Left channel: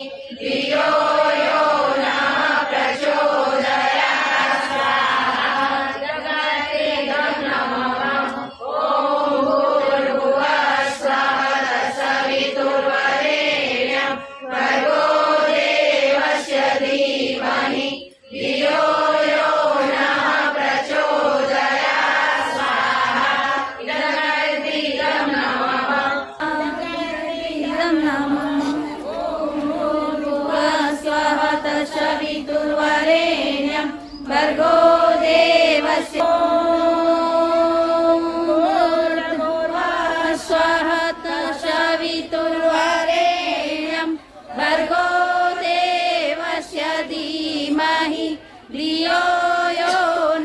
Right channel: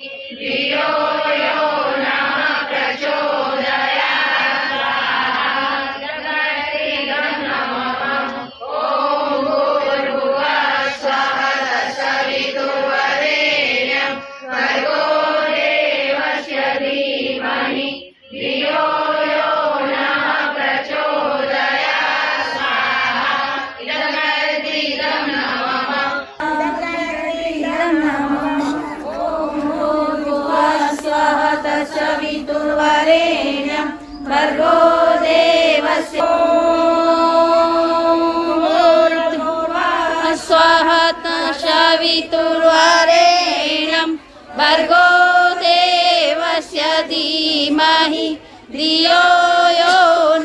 धियो यो नः प्रचोदयात् स्वाहा जगत्कृतं नमः ॐ भूर्भुवः स्वः तत्सवितुर्वरेण्यं भर्गो देवस्य धीमहि धियो यो नः प्रचोदयात् स्वाहा जगत्कृतं नमः सवितुर्वरेण्यं भर्गो देवस्य स्वः सवितुर्वरेण्यं भर्गो देवस्य धीमहि धियो यो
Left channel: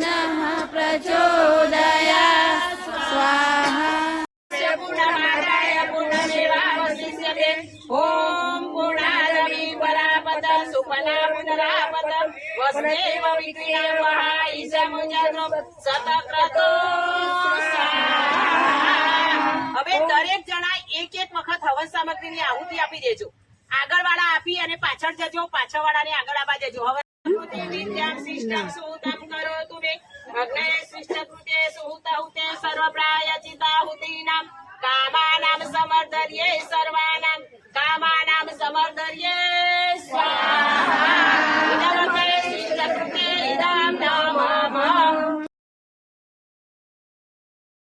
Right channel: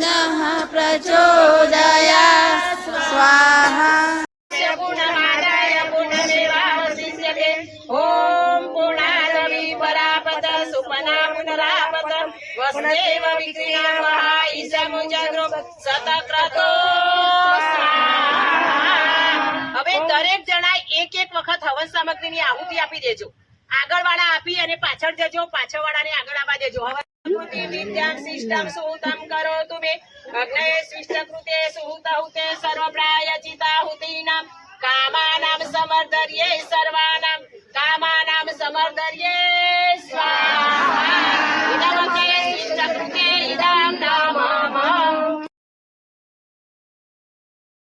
नः प्रचोदयात् स्वाहा पूर्णमादाय पूर्णमेवावशिष्यते ॐ पूर्णादपि परापत सुपना पुनरापत वसुदेव विक्रियावहाईशमुजनो सतक्रतो હવે દરેક જણા એક એક વખત હવન સામગ્રીની આહુતિ આપી દેજો. આગળવાળા આપી અને પાછળ જજો, પાછળવાળાને આગળ આવવા દેજો. હવે વિદ્યામ શિષ્ટમ સુહૃતમ કરોતુ મે અગ્નય શિષ્ટકૃતે સુહૃતહુતે સર્વપ્રાયચિતાહુતીનામ કામાનામ સમર્ધર્યે સર્વ